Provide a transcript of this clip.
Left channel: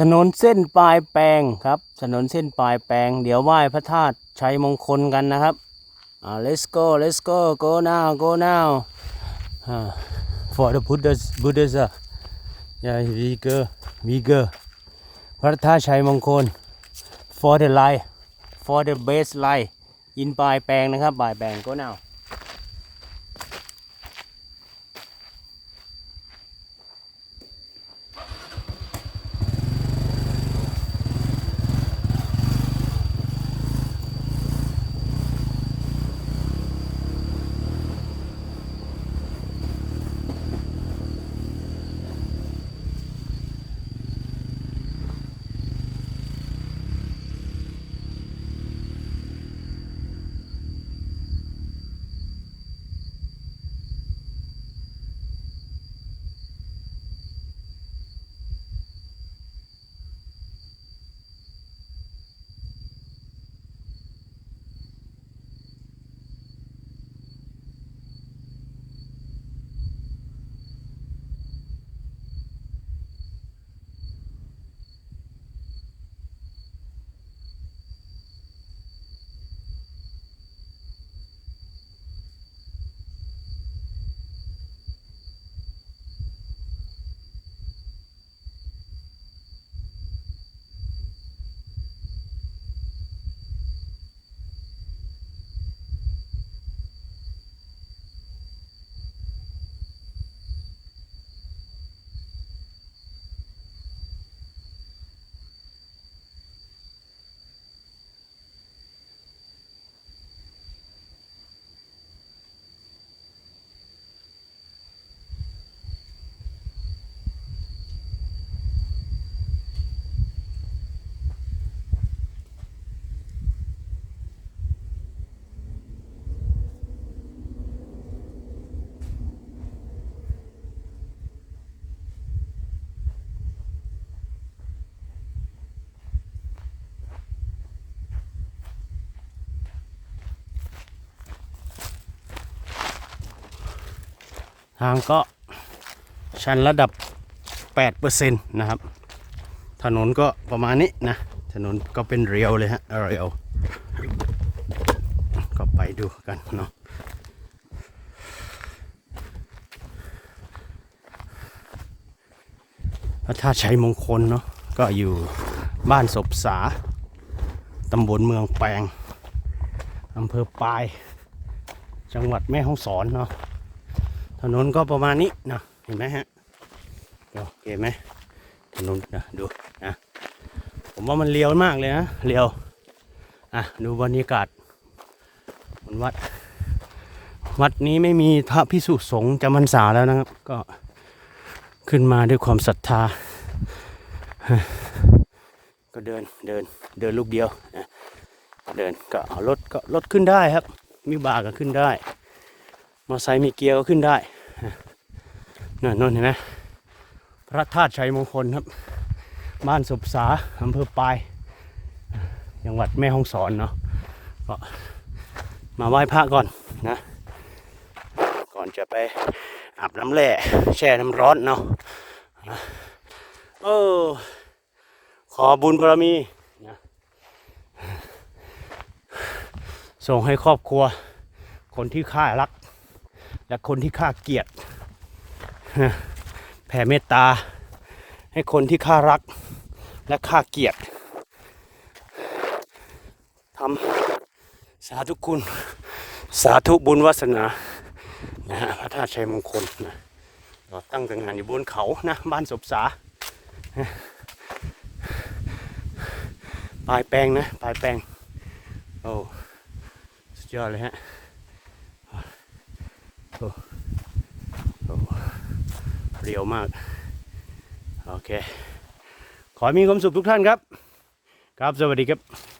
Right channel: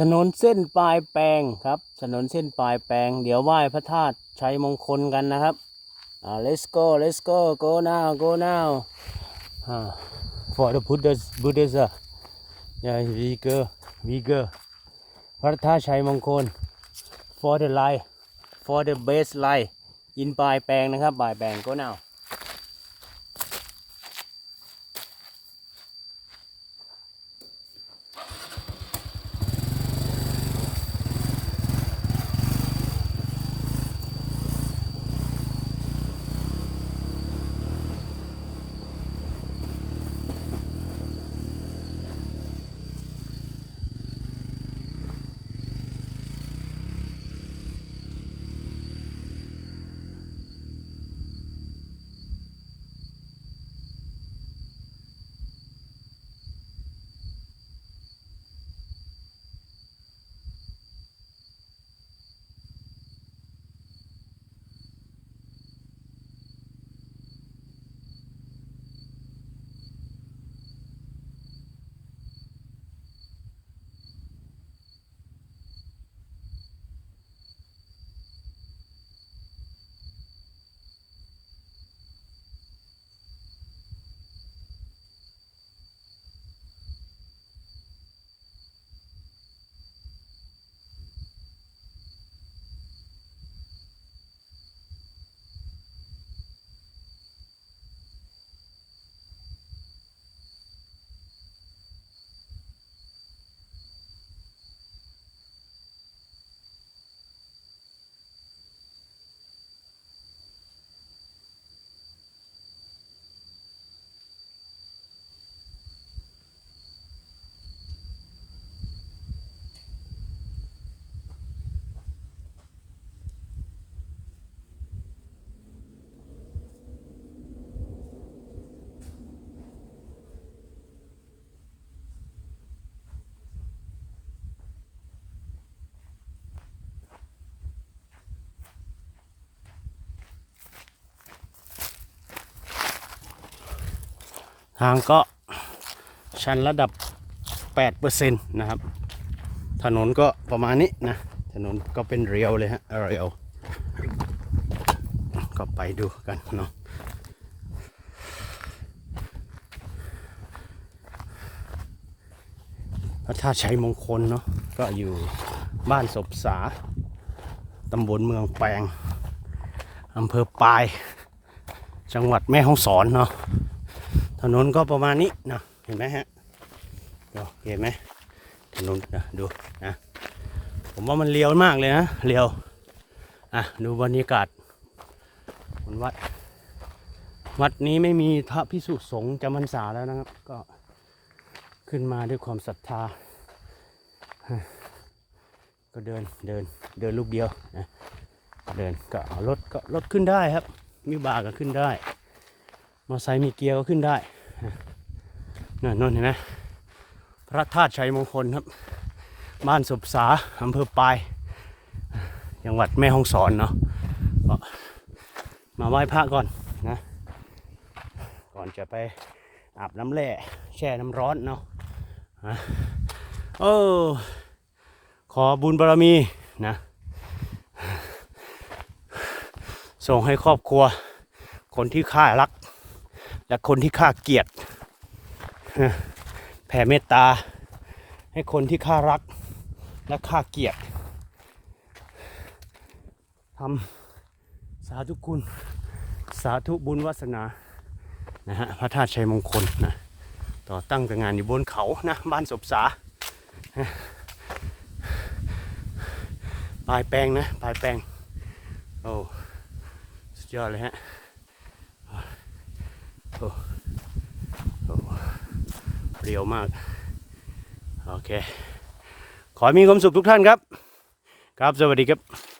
ถนนเส้นปลายแปลงครับ ถนนเส้นปลายแปลง เดี๋ยวไหว้พระธาตุชัยมงคลกันนะครับอ่า let's go let's go go now go now อ่า for the Buddhas Buddhas uh, yeah we go we go พระธาตุชัยมงคล for the line for the base line อินปลายแปลงนะครับปลายแปลง go now ทางก็ชันระดับ 8%นะครับ ถนนก็ประมาณนี้นะ ถนนก็เป็นเรียวเลยฮะ เรียว ก็ไปดูกันเนาะพระธาตุชัยมงคลเนาะ ก็อยู่บ้านศพสา ตำบลเมืองแปลง อำเภอปาย จังหวัดแม่ฮ่องสอนเนาะ ถนนก็ประมาณนี้นะเห็นไหมฮะโอเคไหมถนนนะดูนะผมว่ามันเลี้ยวมากเลยนะเลี้ยวอะดูบรรยากาศบนวัด วัดนี้ไม่มีพระพิสุสงฆ์จำพรรษาแล้วนะครับ ก็ขึ้นมาด้วยความศรัทธา ก็เดินเดินเดินลูกเดียวนะเดินก็เอารถก็รถขึ้นได้ครับ มีบาก็ขึ้นได้ มอไซค์มีเกียร์ก็ขึ้นได้ นั่นนั่นเห็นไหมพระธาตุชัยมงคลครับ บ้านสุบสาอำเภอปลายจังหวัดแม่ฮ่องสอนเนาะก็มาไหว้พระก่อนนะ ก่อนจะไปอาบน้ำแร่แช่น้ำร้อนเนาะอะโอ้ขอบุญบารมีนะ ส่งให้ครอบครัว คนที่ข้ารัก และคนที่ข้าเกลียด แผ่เมตตา ให้คนที่ข้ารักและข้าเกลียดทำสาธุคุณ สาธุบุญวาสนา นะฮะพระธาตุชัยมงคลนะต่อตั้งแต่งานอยู่บนเขานะบ้านศพสาปลายแปลงนะปลายแปลงโอ้สุดยอดเลยฮะโอ้ เรียวมาก โอเค ขอให้มีความสุขทุกท่านครับ ครับ สวัสดีครับ